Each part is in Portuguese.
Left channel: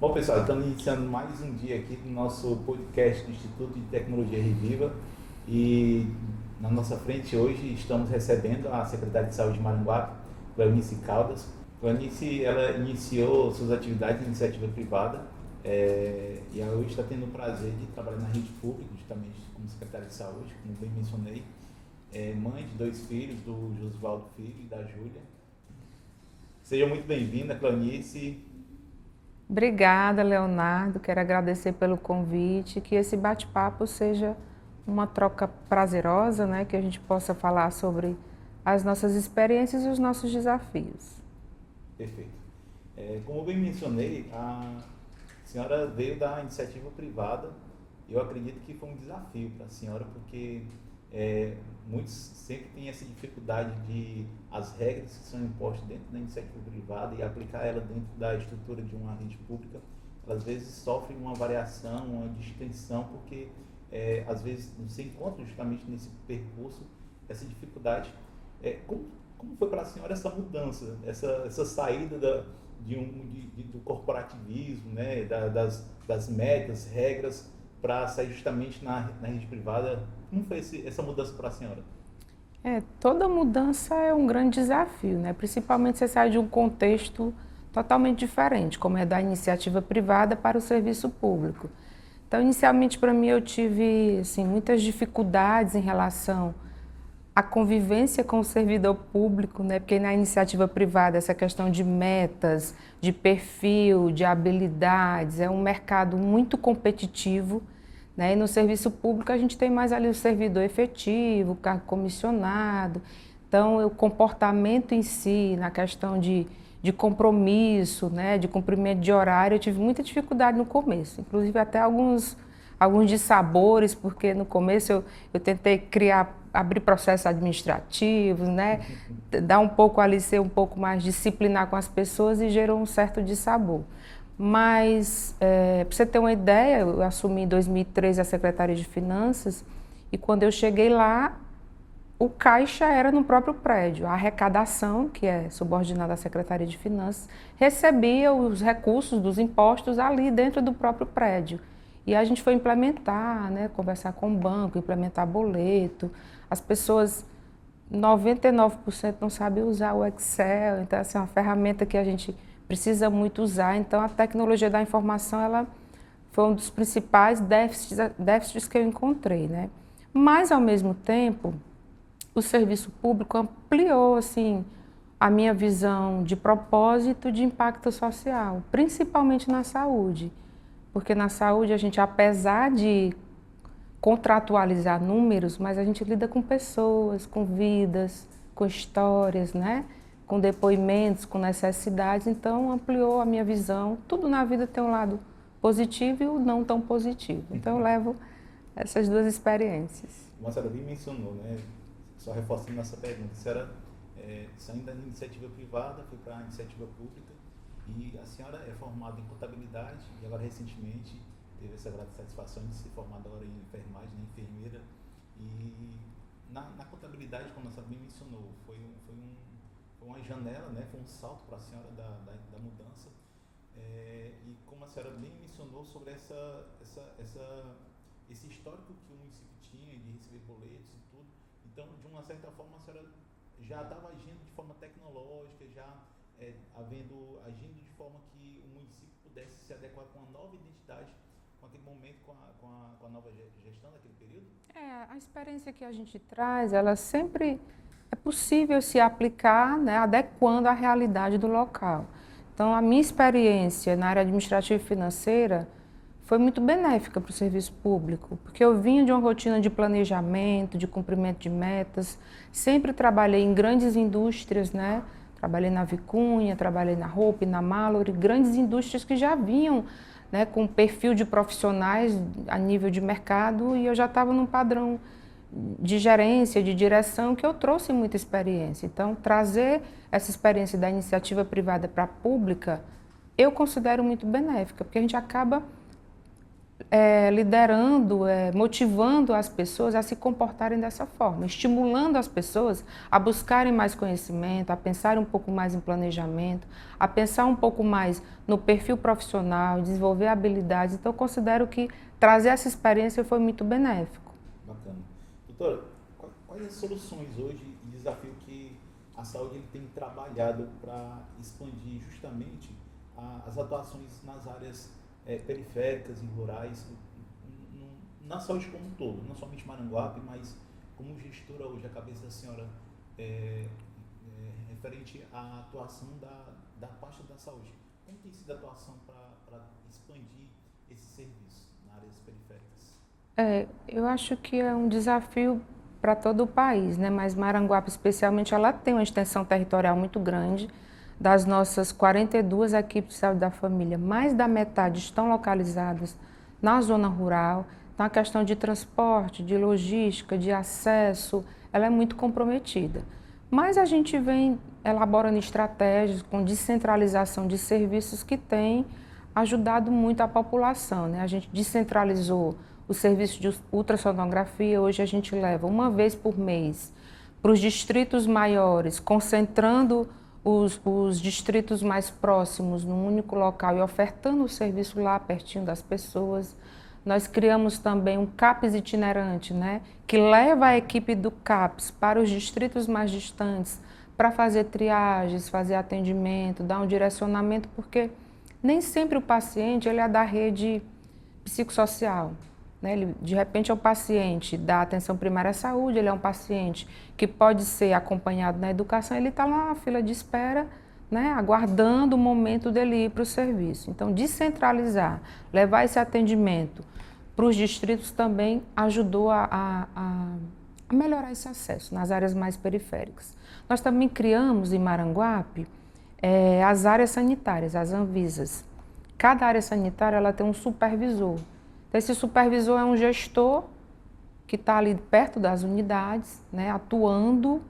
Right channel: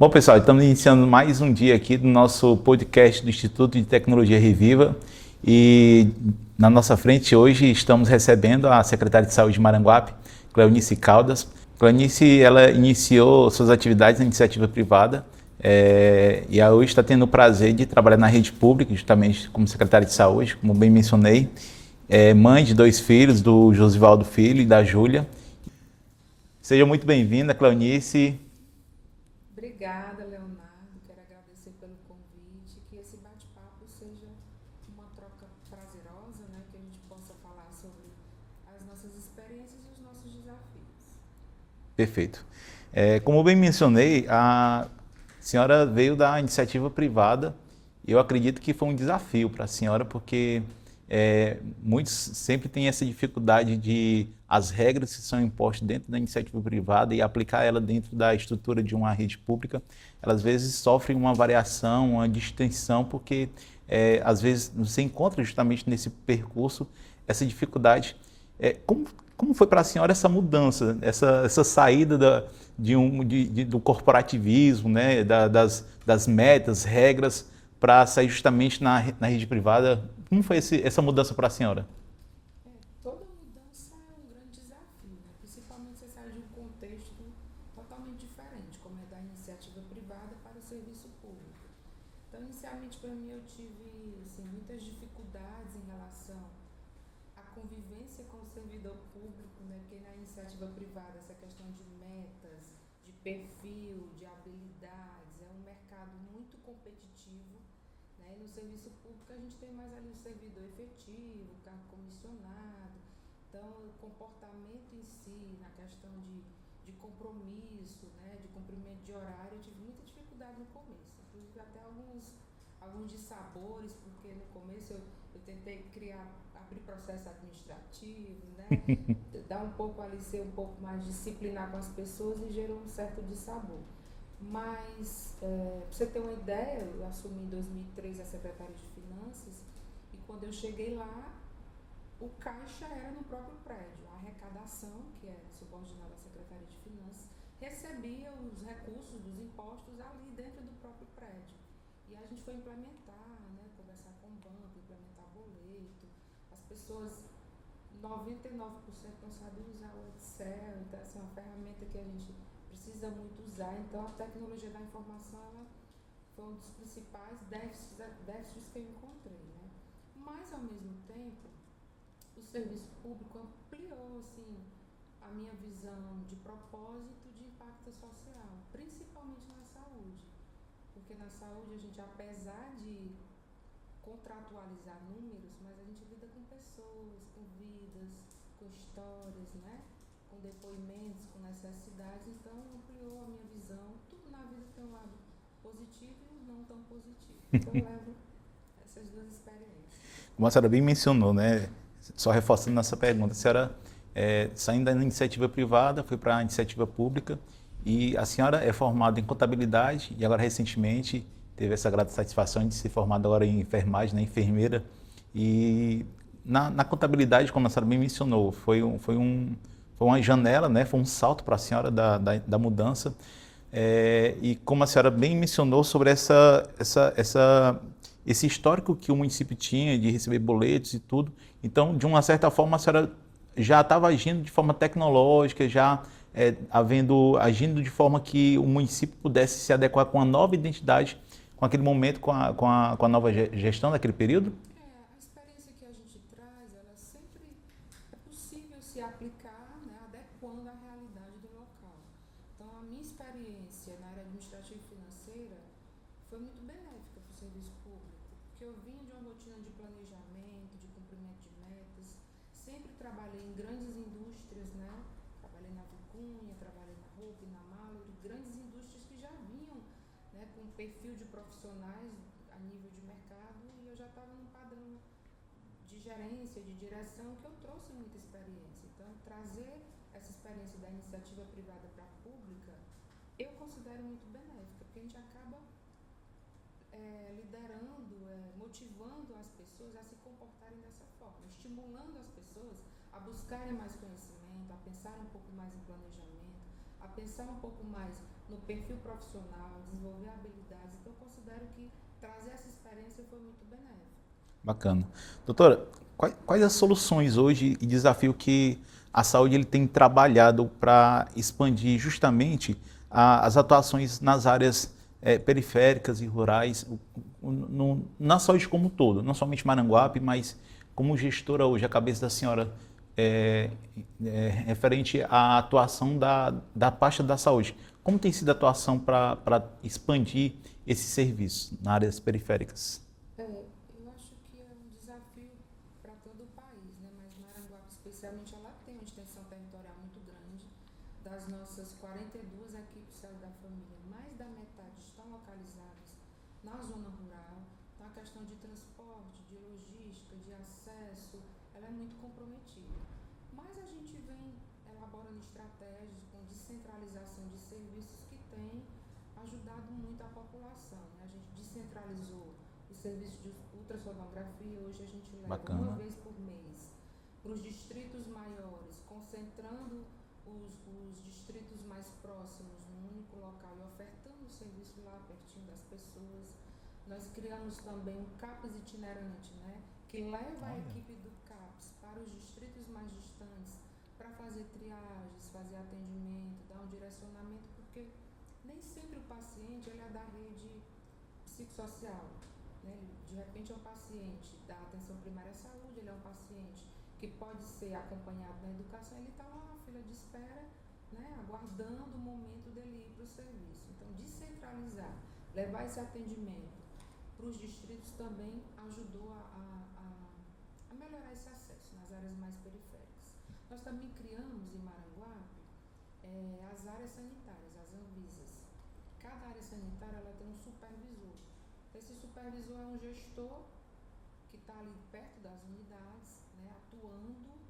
Bom, pessoal, estamos iniciando mais um dia aqui do nosso podcast do Instituto de Tecnologia Reviva e na nossa frente hoje estamos recebendo a secretária de Saúde de Maranguape, Cleonice Caldas. Cleonice, ela iniciou suas atividades na iniciativa privada e hoje está tendo o prazer de trabalhar na rede pública, justamente como secretária de Saúde, como bem mencionei. É mãe de 2 filhos, do Josivaldo Filho e da Júlia. Seja muito bem-vinda, Cleonice. Obrigada, Leonardo. Quero agradecer pelo convite, que esse bate-papo seja uma troca prazerosa, né? Que a gente possa falar sobre as nossas experiências e os nossos desafios. Perfeito. Como bem mencionei, a senhora veio da iniciativa privada e eu acredito que foi um desafio para a senhora, porque muitos sempre têm essa dificuldade de as regras que são impostas dentro da iniciativa privada e aplicar ela dentro da estrutura de uma rede pública, elas às vezes sofrem uma variação, uma distinção, porque às vezes você encontra justamente nesse percurso essa dificuldade. Como foi para a senhora essa mudança, essa saída do corporativismo, né, das metas, regras, para sair justamente na rede privada? Como foi essa mudança para a senhora? Toda mudança é um grande desafio, né? Principalmente você sai de um contexto totalmente diferente, como é da iniciativa privada para o serviço público. Então, inicialmente, para mim, eu tive assim, muitas dificuldades em relação à convivência com o servidor público, né? Porque na iniciativa privada, essa questão de metas, de perfil, de habilidades, é um mercado muito competitivo, né? E no serviço público a gente tem mais ali o servidor efetivo, o cargo comissionado. Então, o comportamento em si, na questão de compromisso, né? De cumprimento de horário, eu tive muita dificuldade no começo. Inclusive até alguns dissabores, porque no começo eu tentei abrir processos administrativos, né? Dar um pouco ali, ser um pouco mais disciplinar com as pessoas e gerou um certo dissabor. Mas, para você ter uma ideia, eu assumi em 2013 a Secretaria de Finanças e quando eu cheguei lá, o caixa era no próprio prédio. A arrecadação, que é subordinada à Secretaria de Finanças, recebia os recursos dos impostos ali dentro do próprio prédio. E a gente foi implementar, né, conversar com o banco, implementar boleto. As pessoas, 99% não sabem usar o Excel, então essa é uma ferramenta que a gente precisa muito usar. Então a tecnologia da informação, ela foi um dos principais déficits que eu encontrei, né? Mas ao mesmo tempo, o serviço público ampliou assim a minha visão de propósito de impacto social, principalmente na saúde. Porque na saúde a gente, apesar de contratualizar números, mas a gente lida com pessoas, com vidas, com histórias, né? Com depoimentos, com necessidades, então ampliou a minha visão. Tudo na vida tem um lado positivo e o não tão positivo. Então eu levo essas duas experiências. Como a senhora bem mencionou, né? Só reforçando nossa pergunta, a senhora saindo da iniciativa privada, foi para a iniciativa pública e a senhora é formada em contabilidade e agora recentemente teve essa grata satisfação de ser formada agora em enfermagem, né, enfermeira. E na contabilidade, como a senhora bem mencionou, foi uma janela, né, foi um salto para a senhora da mudança. E como a senhora bem mencionou sobre esse histórico que o município tinha de receber boletos e tudo, então, de uma certa forma, a senhora já estava agindo de forma tecnológica, já agindo de forma que o município pudesse se adequar com a nova identidade, com aquele momento, com a nova gestão daquele período? A experiência que a gente traz, ela sempre é possível se aplicar, né, adequando à realidade do local. Então, a minha experiência na área administrativa e financeira foi muito benéfica para o serviço público, porque eu vinha de uma rotina de planejamento, de cumprimento de metas, sempre trabalhei em grandes indústrias, né? Trabalhei na Vicunha, trabalhei na Hope, na Mallory, grandes indústrias que já vinham, né, com perfil de profissionais a nível de mercado e eu já estava num padrão de gerência, de direção, que eu trouxe muita experiência. Então, trazer essa experiência da iniciativa privada para a pública, eu considero muito benéfica, porque a gente acaba liderando, motivando as pessoas a se comportarem dessa forma, estimulando as pessoas a buscarem mais conhecimento, a pensarem um pouco mais em planejamento, a pensar um pouco mais no perfil profissional, desenvolver habilidades. Então, eu considero que trazer essa experiência foi muito benéfico. Bacana. Doutora, quais as soluções hoje e desafio que a saúde ele tem trabalhado para expandir justamente as atuações nas áreas periféricas e rurais, na saúde como um todo, não somente Maranguape, mas como gestora hoje, a cabeça da senhora referente à atuação da pasta da saúde. Como tem sido a atuação para expandir esse serviço nas áreas periféricas? Eu acho que é um desafio para todo o país, né? Mas Maranguape, especialmente, ela tem uma extensão territorial muito grande. Das nossas 42 equipes de saúde da família, mais da metade estão localizadas na zona rural. Então, a questão de transporte, de logística, de acesso, ela é muito comprometida. Mas a gente vem elaborando estratégias com descentralização de serviços que têm ajudado muito a população, né? A gente descentralizou o serviço de ultrassonografia, hoje a gente leva uma vez por mês para os distritos maiores, concentrando os distritos mais próximos num único local e ofertando o serviço lá pertinho das pessoas. Nós criamos também um CAPS itinerante, né, que leva a equipe do CAPS para os distritos mais distantes para fazer triagens, fazer atendimento, dar um direcionamento, porque nem sempre o paciente ele é da rede psicossocial. Né? Ele, de repente, é um paciente da atenção primária à saúde, ele é um paciente que pode ser acompanhado na educação, ele está lá na fila de espera, né? Aguardando o momento dele ir para o serviço. Então, descentralizar, levar esse atendimento para os distritos também ajudou a melhorar esse acesso nas áreas mais periféricas. Nós também criamos em Maranguape as áreas sanitárias, as Anvisas. Cada área sanitária ela tem um supervisor. Então, esse supervisor é um gestor que está ali perto das unidades, né, atuando,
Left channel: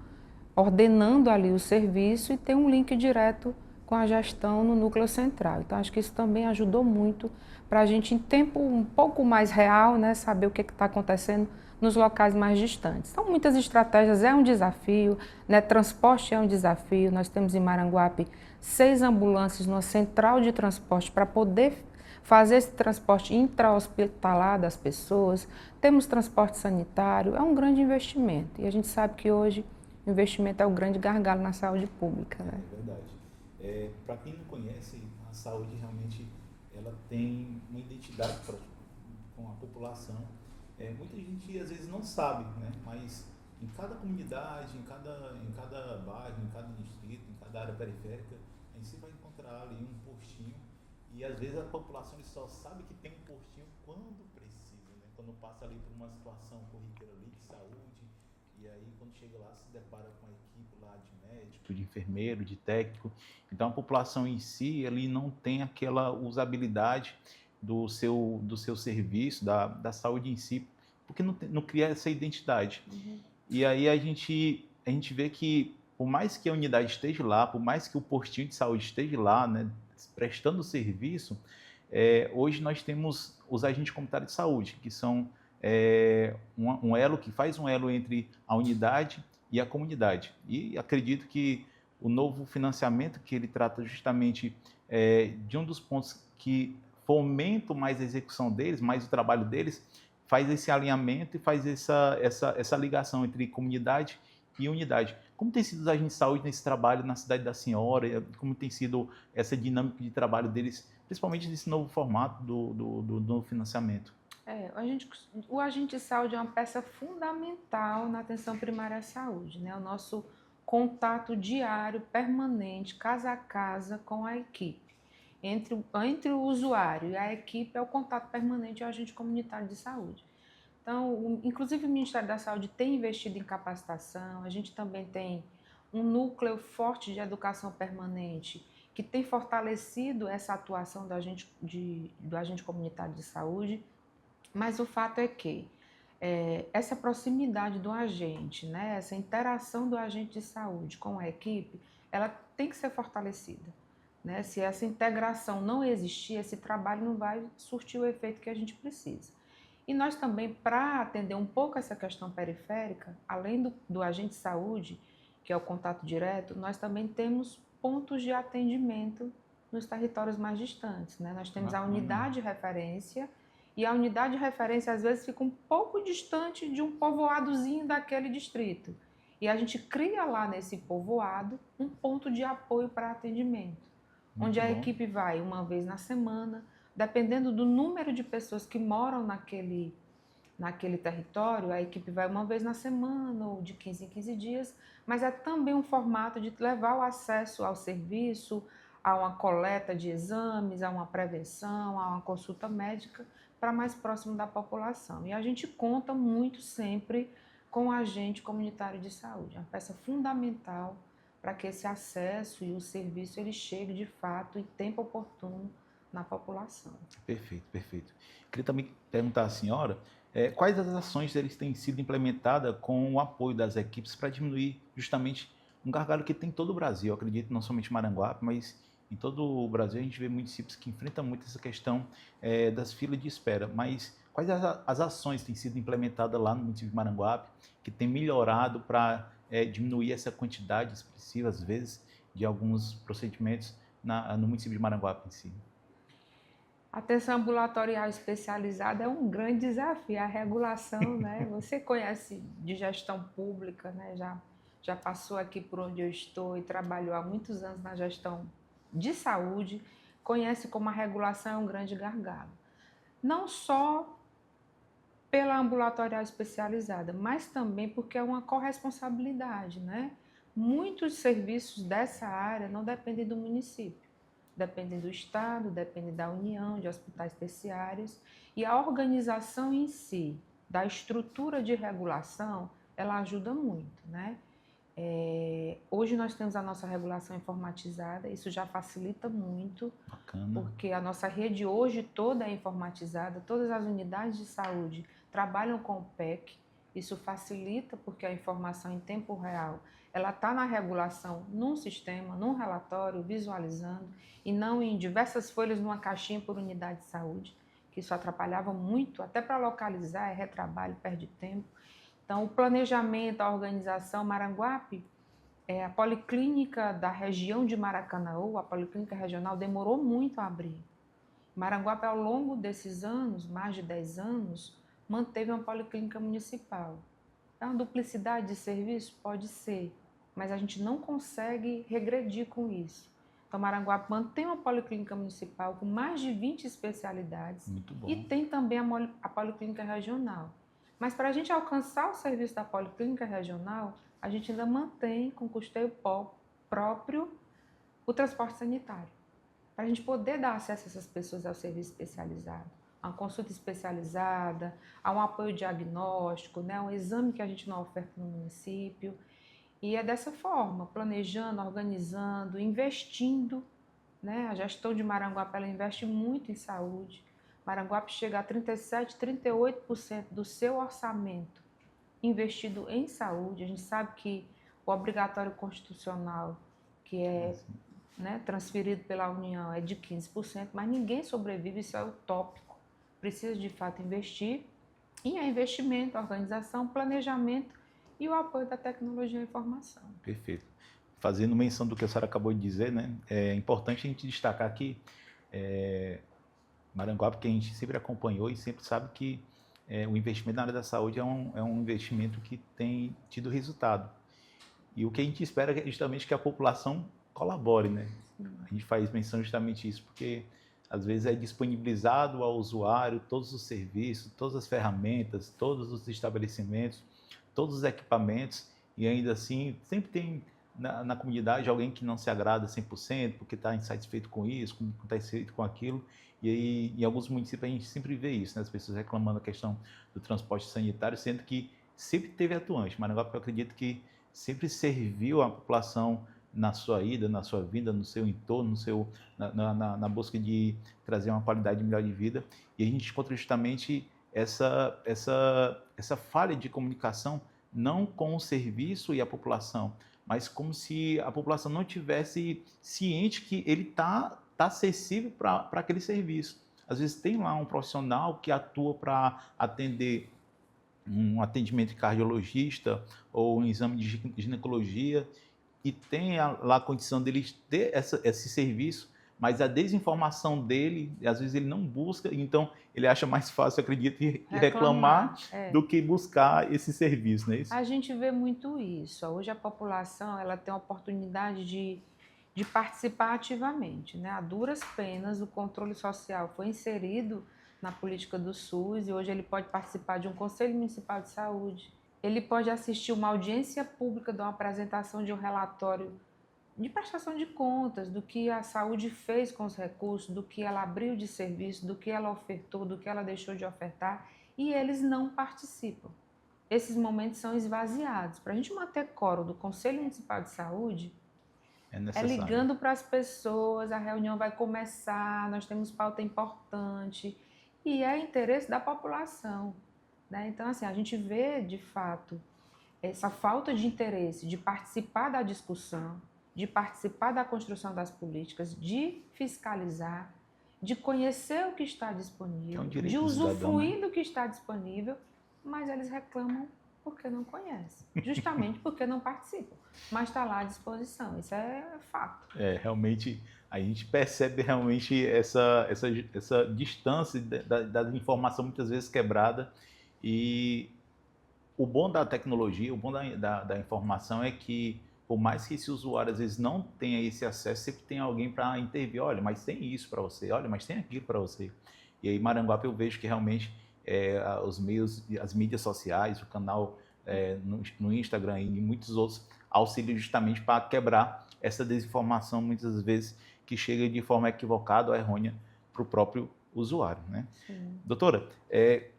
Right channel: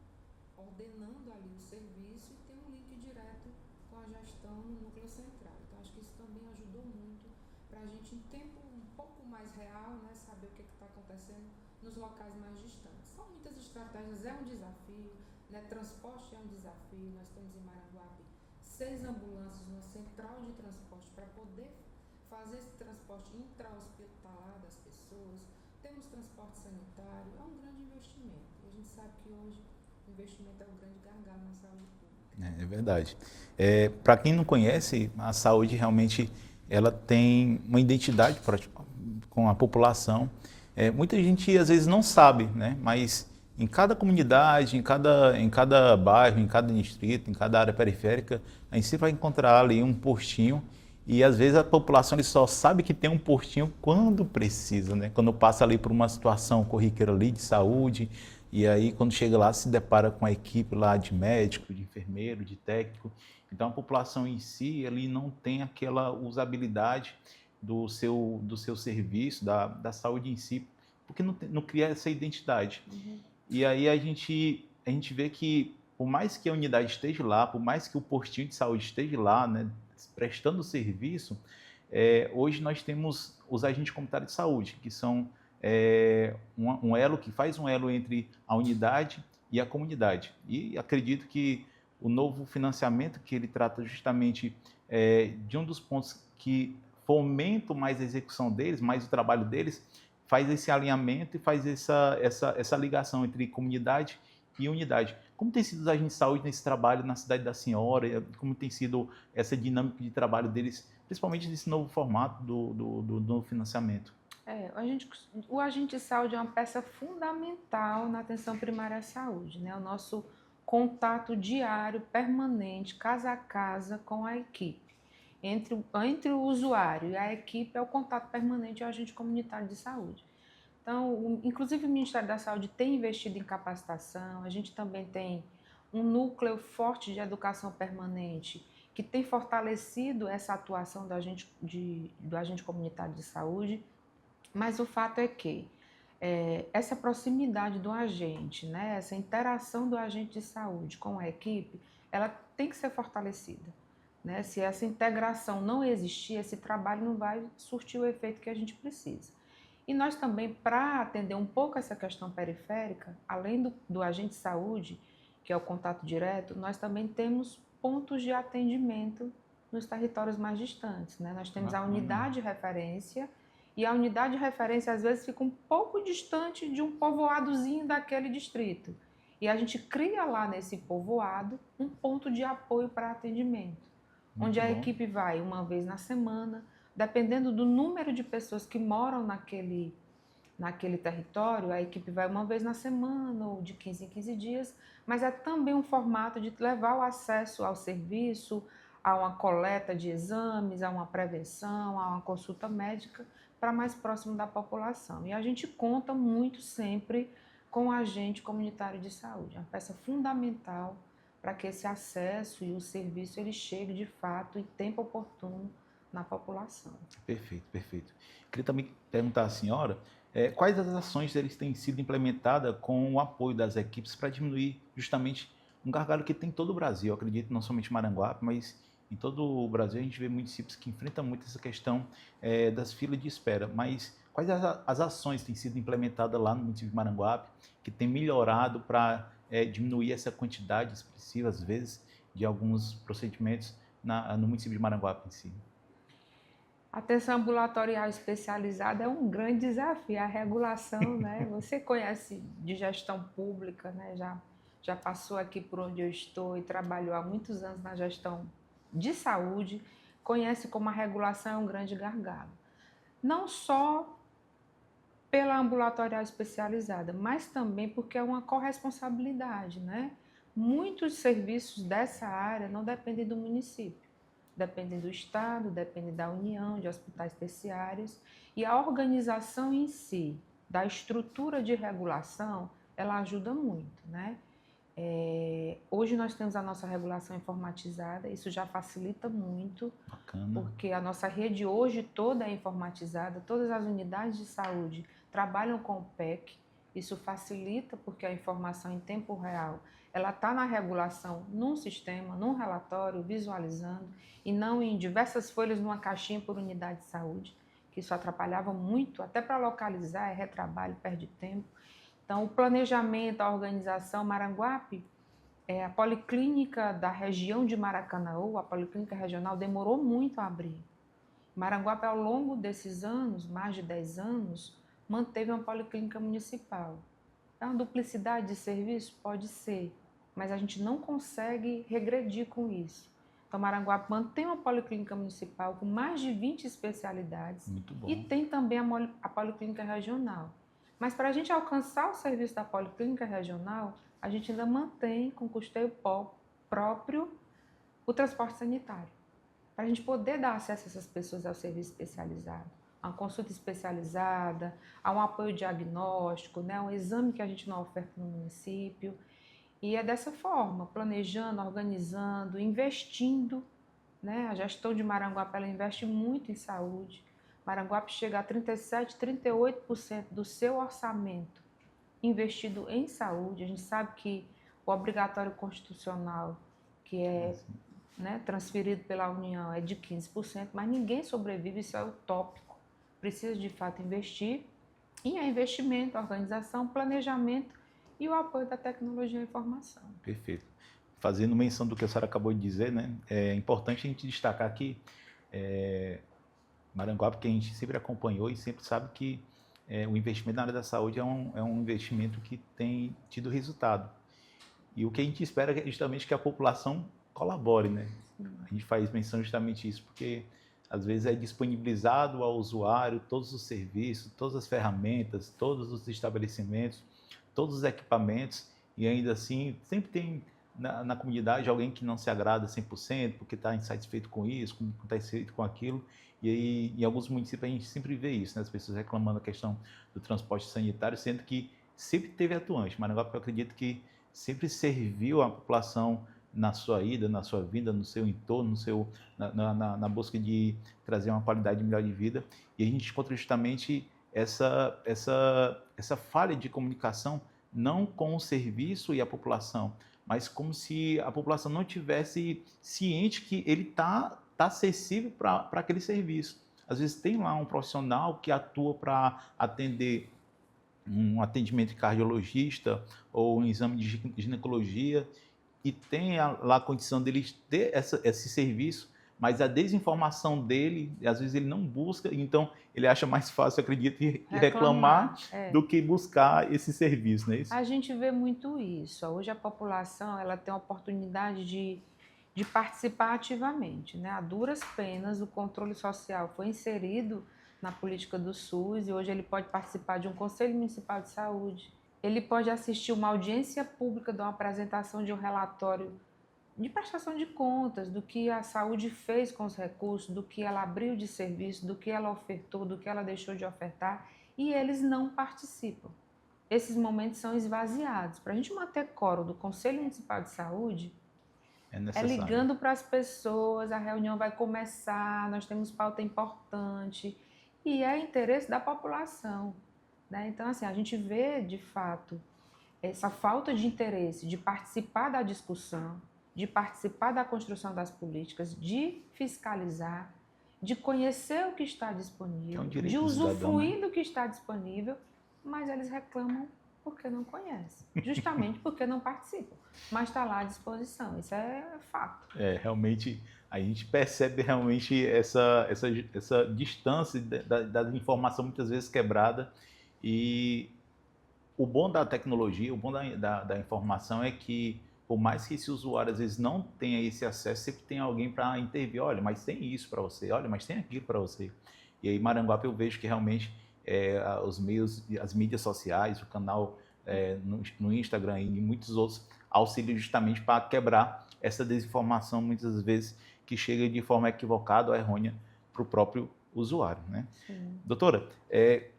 ordenando ali o serviço e tem um link direto com a gestão no núcleo central. Então, acho que isso também ajudou muito para a gente, em tempo um pouco mais real, né, saber o que está acontecendo nos locais mais distantes. Então, muitas estratégias é um desafio, né, transporte é um desafio. Nós temos em Maranguape 6 ambulâncias numa central de transporte para poder fazer esse transporte intra-hospitalar das pessoas. Temos transporte sanitário, é um grande investimento. E a gente sabe que hoje o investimento é o grande gargalo na saúde pública. Né? É verdade. Para quem não conhece, a saúde realmente ela tem uma identidade com a população. Muita gente às vezes não sabe, né? Mas em cada comunidade, em cada bairro, em cada distrito, em cada área periférica, a gente sempre vai encontrar ali um postinho e às vezes a população ele só sabe que tem um postinho quando precisa, né? Quando passa ali por uma situação corriqueira ali de saúde e aí quando chega lá se depara com a equipe lá de médico, de enfermeiro, de técnico. Então a população em si ali não tem aquela usabilidade do seu serviço, da saúde em si, porque não cria essa identidade. Uhum. E aí a gente vê que, por mais que a unidade esteja lá, por mais que o postinho de saúde esteja lá, né, prestando serviço, hoje nós temos os agentes comunitários de saúde, que são um elo, que faz um elo entre a unidade e a comunidade. E acredito que o novo financiamento, que ele trata justamente de um dos pontos que fomenta mais a execução deles, mais o trabalho deles, faz esse alinhamento e faz essa ligação entre comunidade e unidade. Como tem sido os agentes de saúde nesse trabalho na cidade da senhora? Como tem sido essa dinâmica de trabalho deles, principalmente nesse novo formato do financiamento? O agente de saúde é uma peça fundamental na atenção primária à saúde, né? O nosso contato diário, permanente, casa a casa com a equipe. Entre o usuário e a equipe é o contato permanente e o agente comunitário de saúde. Então, inclusive o Ministério da Saúde tem investido em capacitação, a gente também tem um núcleo forte de educação permanente que tem fortalecido essa atuação do agente comunitário de saúde, mas o fato é que essa proximidade do agente, né, essa interação do agente de saúde com a equipe, ela tem que ser fortalecida. né? Se essa integração não existir, esse trabalho não vai surtir o efeito que a gente precisa. E nós também, para atender um pouco essa questão periférica, além do agente de saúde, que é o contato direto, nós também temos pontos de atendimento nos territórios mais distantes, né? Nós temos a unidade de referência, e a unidade de referência às vezes fica um pouco distante de um povoadozinho daquele distrito. E a gente cria lá nesse povoado um ponto de apoio para atendimento, onde a equipe vai uma vez na semana, dependendo do número de pessoas que moram naquele território, a equipe vai uma vez na semana ou de 15 em 15 dias, mas é também um formato de levar o acesso ao serviço, a uma coleta de exames, a uma prevenção, a uma consulta médica para mais próximo da população. E a gente conta muito sempre com o agente comunitário de saúde, é uma peça fundamental para que esse acesso e o serviço ele chegue de fato em tempo oportuno na população. Perfeito, perfeito. Queria também perguntar à senhora quais as ações eles têm sido implementadas com o apoio das equipes para diminuir justamente um gargalo que tem em todo o Brasil. Eu acredito não somente em Maranguape, mas em todo o Brasil a gente vê municípios que enfrentam muito essa questão das filas de espera. Mas quais as ações que têm sido implementadas lá no município de Maranguape que tem melhorado para diminuir essa quantidade expressiva, às vezes, de alguns procedimentos no município de Maranguape em si? A atenção ambulatorial especializada é um grande desafio, a regulação, né? Você conhece de gestão pública, né? Já passou aqui por onde eu estou e trabalhou há muitos anos na gestão de saúde, conhece como a regulação é um grande gargalo. Não só pela ambulatorial especializada, mas também porque é uma corresponsabilidade, né? Muitos serviços dessa área não dependem do município. Dependem do Estado, dependem da União, de hospitais terciários, e a organização em si, da estrutura de regulação, ela ajuda muito, né? Hoje nós temos a nossa regulação informatizada, isso já facilita muito. Bacana. Porque a nossa rede hoje toda é informatizada, todas as unidades de saúde trabalham com o PEC, isso facilita porque a informação em tempo real ela está na regulação, num sistema, num relatório, visualizando, e não em diversas folhas numa caixinha por unidade de saúde, que isso atrapalhava muito, até para localizar, é retrabalho, perde tempo. Então, o planejamento, a organização, Maranguape, a policlínica da região de Maracanaú, a policlínica regional, demorou muito a abrir. Maranguape, ao longo desses anos, mais de 10 anos, manteve uma policlínica municipal. É uma duplicidade de serviço? Pode ser, mas a gente não consegue regredir com isso. Então, Maranguape mantém uma policlínica municipal com mais de 20 especialidades. Muito bom. E tem também a policlínica regional. Mas para a gente alcançar o serviço da policlínica regional, a gente ainda mantém com custeio próprio o transporte sanitário. Para a gente poder dar acesso a essas pessoas ao serviço especializado, a uma consulta especializada, a um apoio diagnóstico, né, um exame que a gente não oferta no município. E é dessa forma, planejando, organizando, investindo, né? A gestão de Maranguape ela investe muito em saúde. Maranguape chega a 37%, 38% do seu orçamento investido em saúde. A gente sabe que o obrigatório constitucional, que é transferido pela União, é de 15%, mas ninguém sobrevive, isso é utópico. Precisa de fato investir, e é investimento, organização, planejamento e o apoio da tecnologia e informação. Perfeito. Fazendo menção do que a senhora acabou de dizer, né, é importante a gente destacar que Maranguape, que a gente sempre acompanhou e sempre sabe que o investimento na área da saúde é um investimento que tem tido resultado. E o que a gente espera é justamente que a população colabore, né? A gente faz menção justamente isso, porque às vezes é disponibilizado ao usuário todos os serviços, todas as ferramentas, todos os estabelecimentos, todos os equipamentos, e ainda assim sempre tem na comunidade alguém que não se agrada 100%, porque está insatisfeito com isso, está insatisfeito com aquilo. E aí, em alguns municípios a gente sempre vê isso, né? As pessoas reclamando da questão do transporte sanitário, sendo que sempre teve atuante. Maranguape, eu acredito que sempre serviu a população na sua ida, na sua vinda, no seu entorno, na busca de trazer uma qualidade melhor de vida. E a gente encontra justamente essa falha de comunicação, não com o serviço e a população, mas como se a população não tivesse ciente que ele tá acessível para aquele serviço. Às vezes tem lá um profissional que atua para atender um atendimento de cardiologista ou um exame de ginecologia e tem lá a condição dele ter esse serviço, mas a desinformação dele, às vezes ele não busca, então ele acha mais fácil, acredito, reclamar do que buscar esse serviço, não é isso? A gente vê muito isso. Hoje a população ela tem a oportunidade de participar ativamente, né? A duras penas, o controle social foi inserido na política do SUS e hoje ele pode participar de um Conselho Municipal de Saúde, ele pode assistir uma audiência pública de uma apresentação de um relatório de prestação de contas, do que a saúde fez com os recursos, do que ela abriu de serviço, do que ela ofertou, do que ela deixou de ofertar, e eles não participam. Esses momentos são esvaziados. Para a gente manter quórum do Conselho Municipal de Saúde, é ligando para as pessoas, a reunião vai começar, nós temos pauta importante, e é interesse da população, né? Então, assim, a gente vê, de fato, essa falta de interesse de participar da discussão, de participar da construção das políticas, de fiscalizar, de conhecer o que está disponível, de usufruir do que está disponível, mas eles reclamam porque não conhecem, justamente porque não participam, mas está lá à disposição, isso é fato. Realmente, a gente percebe realmente essa distância da informação muitas vezes quebrada, e o bom da tecnologia, o bom da informação é que, por mais que esse usuário às vezes não tenha esse acesso, sempre tem alguém para intervir. Olha, mas tem isso para você, olha, mas tem aquilo para você. E aí, Maranguape, eu vejo que realmente os meios, as mídias sociais, o canal no Instagram e muitos outros auxiliam justamente para quebrar essa desinformação, muitas vezes, que chega de forma equivocada ou errônea para o próprio usuário, né? Sim. Doutora,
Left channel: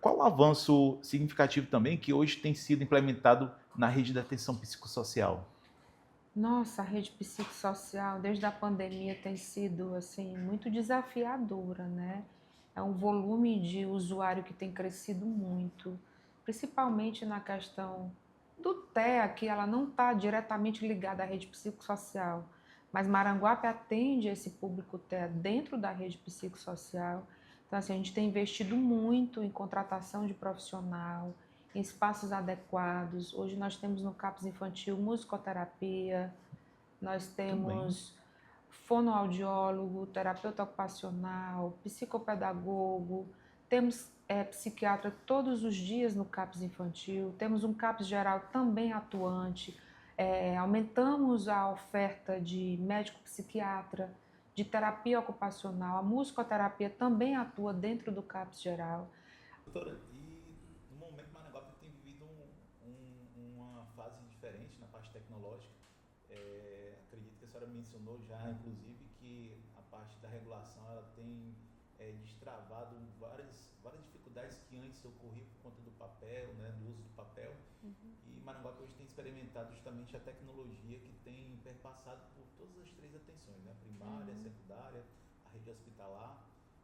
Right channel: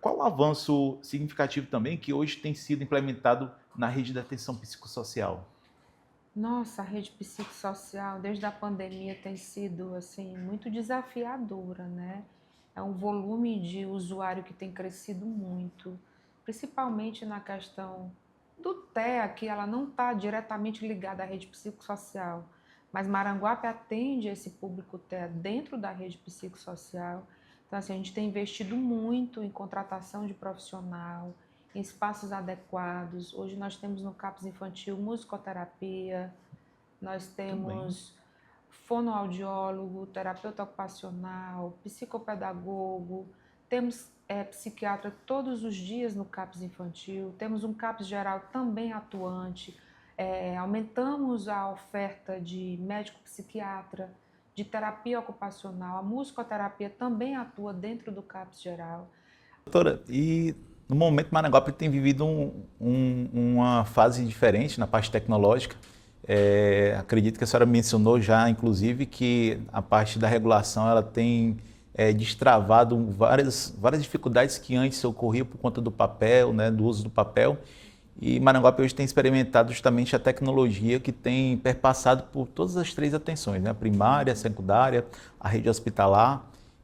qual o avanço significativo também que hoje tem sido implementado na rede de atenção psicossocial? Nossa, a rede psicossocial, desde a pandemia, tem sido assim, muito desafiadora, né? É um volume de usuário que tem crescido muito, principalmente na questão do TEA, que ela não está diretamente ligada à rede psicossocial, mas Maranguape atende esse público TEA dentro da rede psicossocial. Então, assim, a gente tem investido muito em contratação de profissional, em espaços adequados. Hoje nós temos no CAPS Infantil musicoterapia, nós temos fonoaudiólogo, terapeuta ocupacional, psicopedagogo, temos psiquiatra todos os dias no CAPS Infantil, temos um CAPS geral também atuante, aumentamos a oferta de médico psiquiatra, de terapia ocupacional, a musicoterapia também atua dentro do CAPS geral. Doutora, e no momento Maranguape tem vivido uma fase diferente na parte tecnológica. Acredito que a senhora mencionou já, inclusive, que a parte da regulação ela tem destravado várias dificuldades que antes ocorriam por conta do papel, né, do uso do papel. E Maranguape hoje tem experimentado justamente a tecnologia que tem perpassado por todas as três atenções, né? A primária, a secundária, a rede hospitalar.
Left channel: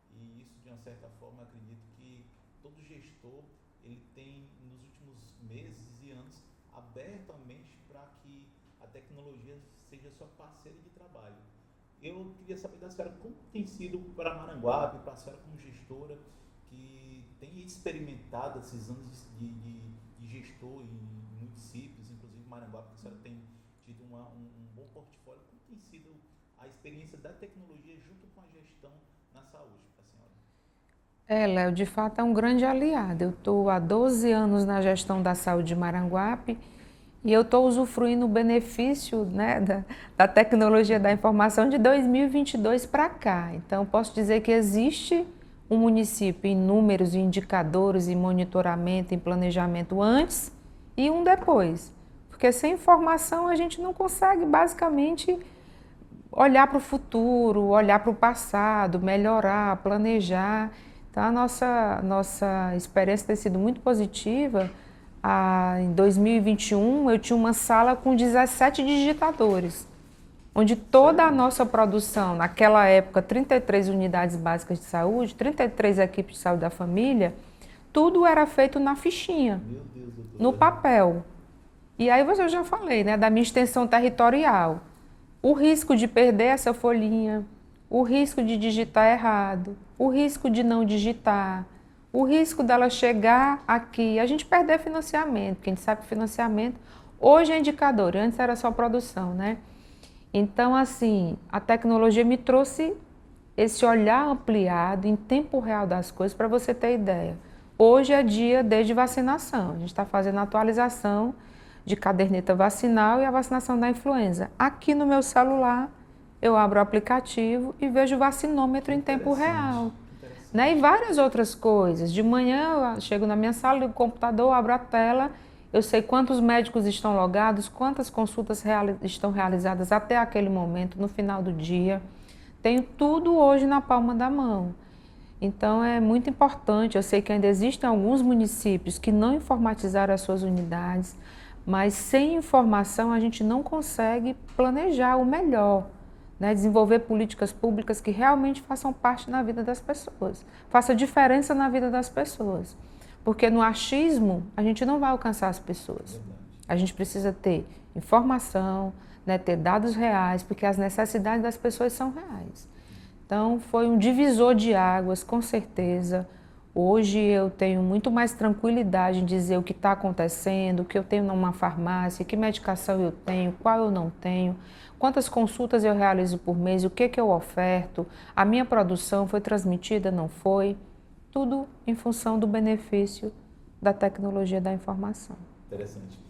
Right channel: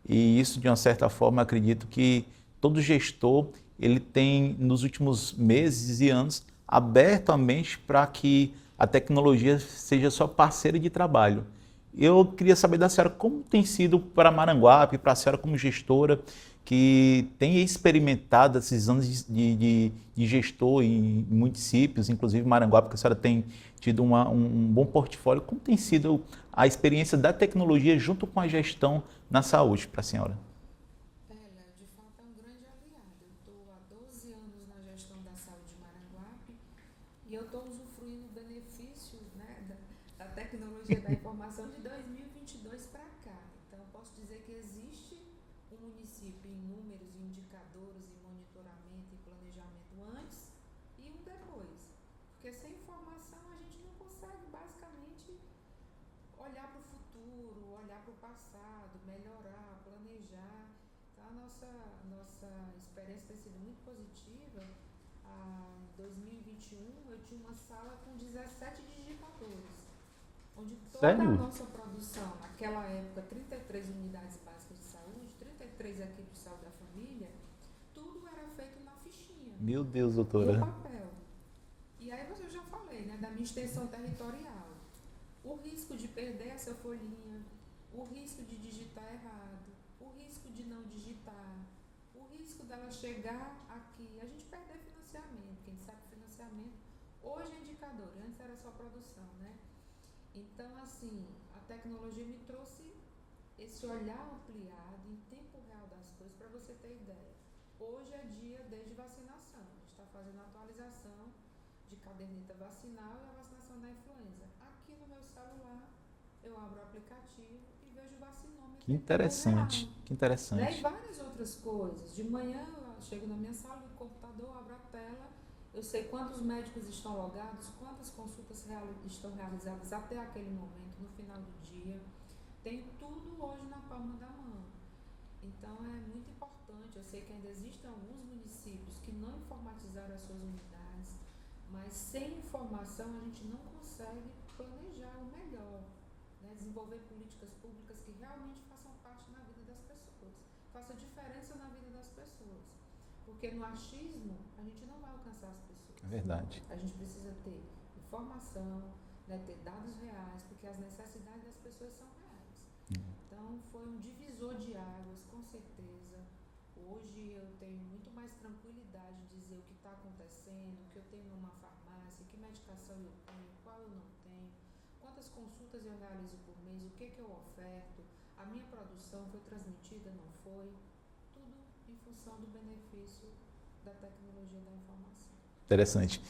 E isso, de uma certa forma, acredito que todo gestor ele tem, nos últimos meses e anos, aberto a mente para que a tecnologia seja sua parceira de trabalho. Eu queria saber da senhora como tem sido para Maranguape, para a senhora como gestora, que tem experimentado esses anos de gestor em municípios, inclusive Maranguape, que a senhora tem tido um bom portfólio. Como tem sido a experiência da tecnologia junto com a gestão na saúde para a senhora? Léo, de fato é um grande aliado. Eu estou há 12 anos na gestão da saúde de Maranguape e eu estou usufruindo o benefício, né, da tecnologia da informação de 2022 para cá. Então, posso dizer que existe um município em números, em indicadores, em monitoramento, em planejamento antes e um depois. Porque sem informação a gente não consegue, basicamente, olhar para o futuro, olhar para o passado, melhorar, planejar. Então, a nossa experiência tem sido muito positiva. Em 2021, eu tinha uma sala com 17 digitadores, onde toda a nossa produção, naquela época, 33 unidades básicas de saúde, 33 equipes de saúde da família, tudo era feito na fichinha. Meu Deus, doutora. No papel. E aí eu já falei, né, da minha extensão territorial. O risco de perder essa folhinha, o risco de digitar errado, o risco de não digitar, o risco dela chegar aqui, a gente perder financiamento, porque a gente sabe que financiamento hoje é indicador, antes era só produção, né? Então, assim, a tecnologia me trouxe esse olhar ampliado em tempo real das coisas, para você ter ideia. Hoje é dia desde vacinação, a gente está fazendo a atualização de caderneta vacinal e a vacinação da influenza. Aqui no meu celular, eu abro o aplicativo e vejo o vacinômetro em tempo real. Que interessante. Né? E várias outras coisas. De manhã, eu chego na minha sala, ligo o computador, abro a tela, eu sei quantos médicos estão logados, quantas consultas estão realizadas até aquele momento, no final do dia. Tenho tudo hoje na palma da mão. Então, é muito importante. Eu sei que ainda existem alguns municípios que não informatizaram as suas unidades, mas sem informação a gente não consegue planejar o melhor, né? Desenvolver políticas públicas que realmente façam parte na vida das pessoas, faça diferença na vida das pessoas. Porque no achismo a gente não vai alcançar as pessoas. Verdade. A gente precisa ter informação, né, ter dados reais, porque as necessidades das pessoas são reais. Então, foi um divisor de águas, com certeza. Hoje eu tenho muito mais tranquilidade em dizer o que está acontecendo, o que eu tenho numa farmácia, que medicação eu tenho, qual eu não tenho, quantas consultas eu realizo por mês, o que eu oferto, a minha produção foi transmitida, não foi. Tudo em função do benefício da tecnologia da informação. Interessante.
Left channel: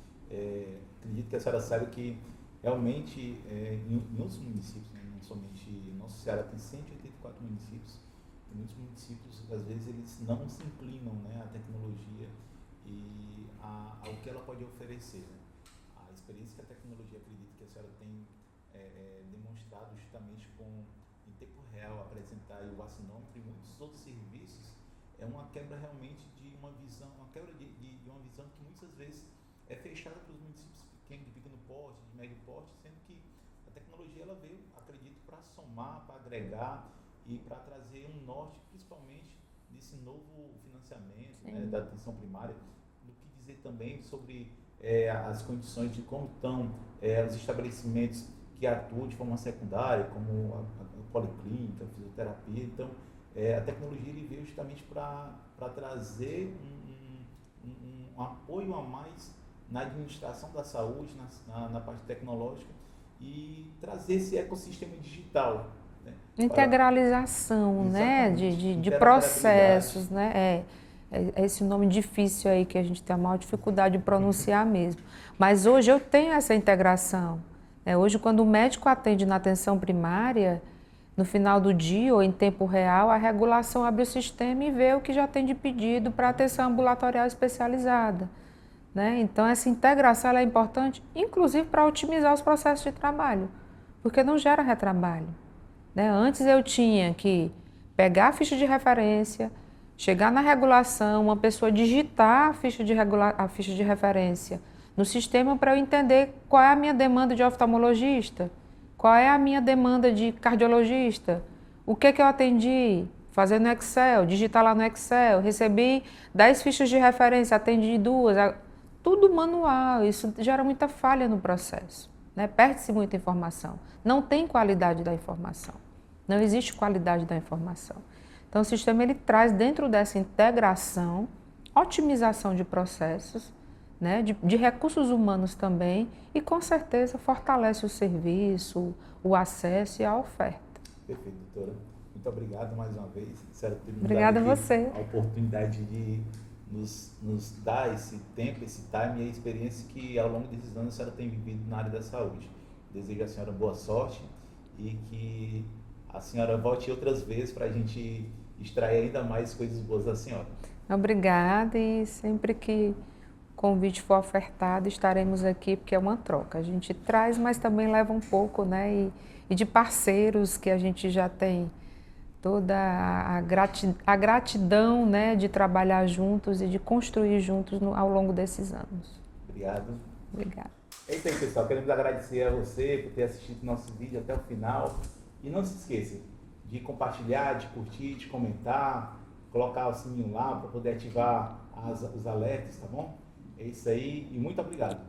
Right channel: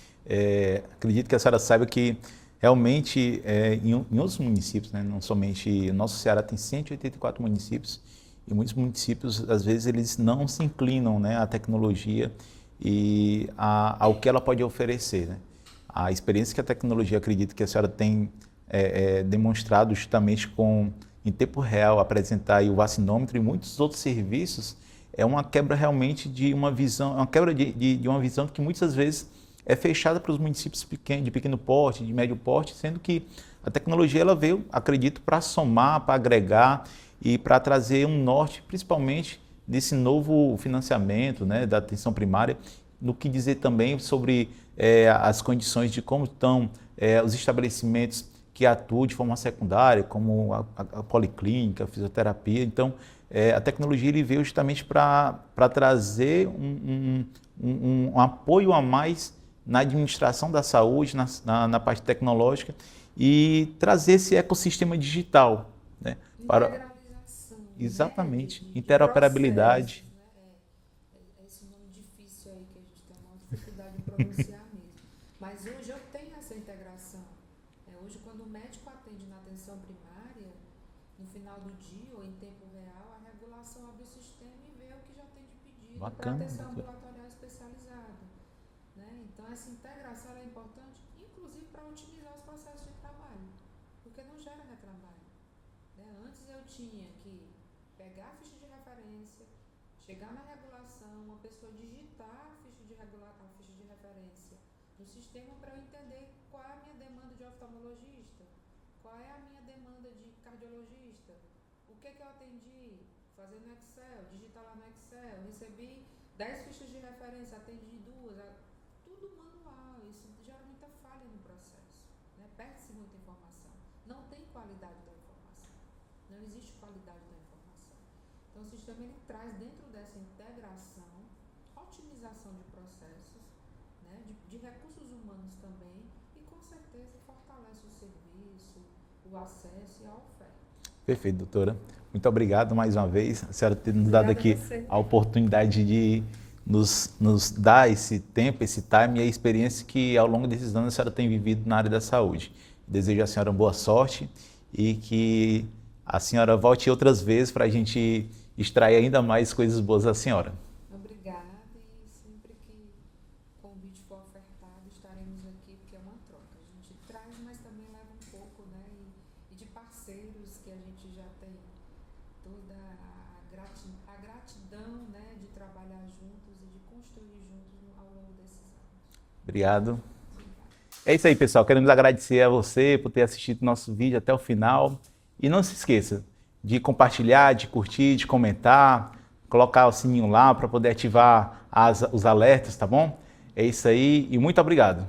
Acredito que a senhora saiba que realmente em outros municípios, né, não somente, o nosso Ceará tem 184 municípios, e muitos municípios, às vezes, eles não se inclinam, né, à tecnologia e ao que ela pode oferecer, né? A experiência que a tecnologia, acredito que a senhora tem demonstrado justamente em tempo real, apresentar aí o vacinômetro e muitos outros serviços, é uma quebra realmente de uma visão, uma quebra de uma visão que muitas vezes é fechada para os municípios pequenos, de pequeno porte, de médio porte, sendo que a tecnologia ela veio, acredito, para somar, para agregar e para trazer um norte, principalmente desse novo financiamento, né, da atenção primária, no que dizer também sobre as condições de como estão os estabelecimentos que atuam de forma secundária, como a policlínica, a fisioterapia. Então, a tecnologia ele veio justamente para trazer um apoio a mais na administração da saúde, na parte tecnológica e trazer esse ecossistema digital. Né? Integralização, né? De processos, né? É esse nome difícil aí que a gente tem a maior dificuldade de pronunciar mesmo. Mas hoje eu tenho essa integração. Hoje, quando o médico atende na atenção primária, no final do dia ou em tempo real, a regulação abre o sistema e vê o que já tem de pedido para atenção ambulatorial especializada. Né? Então, essa integração ela é importante, inclusive para otimizar os processos de trabalho, porque não gera retrabalho. Né? Antes eu tinha que pegar a ficha de referência, chegar na regulação, uma pessoa digitar a ficha de referência no sistema para eu entender qual é a minha demanda de oftalmologista, qual é a minha demanda de cardiologista, o que eu atendi, fazer no Excel, digitar lá no Excel, recebi 10 fichas de referência, atendi 2, tudo manual, isso gera muita falha no processo, né? Perde-se muita informação, não tem qualidade da informação, não existe qualidade da informação. Então o sistema ele traz dentro dessa integração, otimização de processos, né? de recursos humanos também e com certeza fortalece o serviço, o acesso e a oferta. Perfeito, doutora. Muito obrigado mais uma vez, a senhora ter nos dado aqui a oportunidade de nos dar esse tempo, esse time e a experiência que ao longo desses anos a senhora tem vivido na área da saúde. Desejo à senhora boa sorte e que a senhora volte outras vezes para a gente extrair ainda mais coisas boas da senhora. Obrigada e sempre que o convite for ofertado estaremos aqui porque é uma troca. A gente traz, mas também leva um pouco, né? E de parceiros que a gente já tem toda a gratidão, né, de trabalhar juntos e de construir juntos ao longo desses anos. Obrigado. Obrigada. É isso aí, pessoal. Queremos agradecer a você por ter assistido nosso vídeo até o final. E não se esqueça de compartilhar, de curtir, de comentar, colocar o sininho lá para poder ativar os alertas, tá bom? É isso aí e muito obrigado.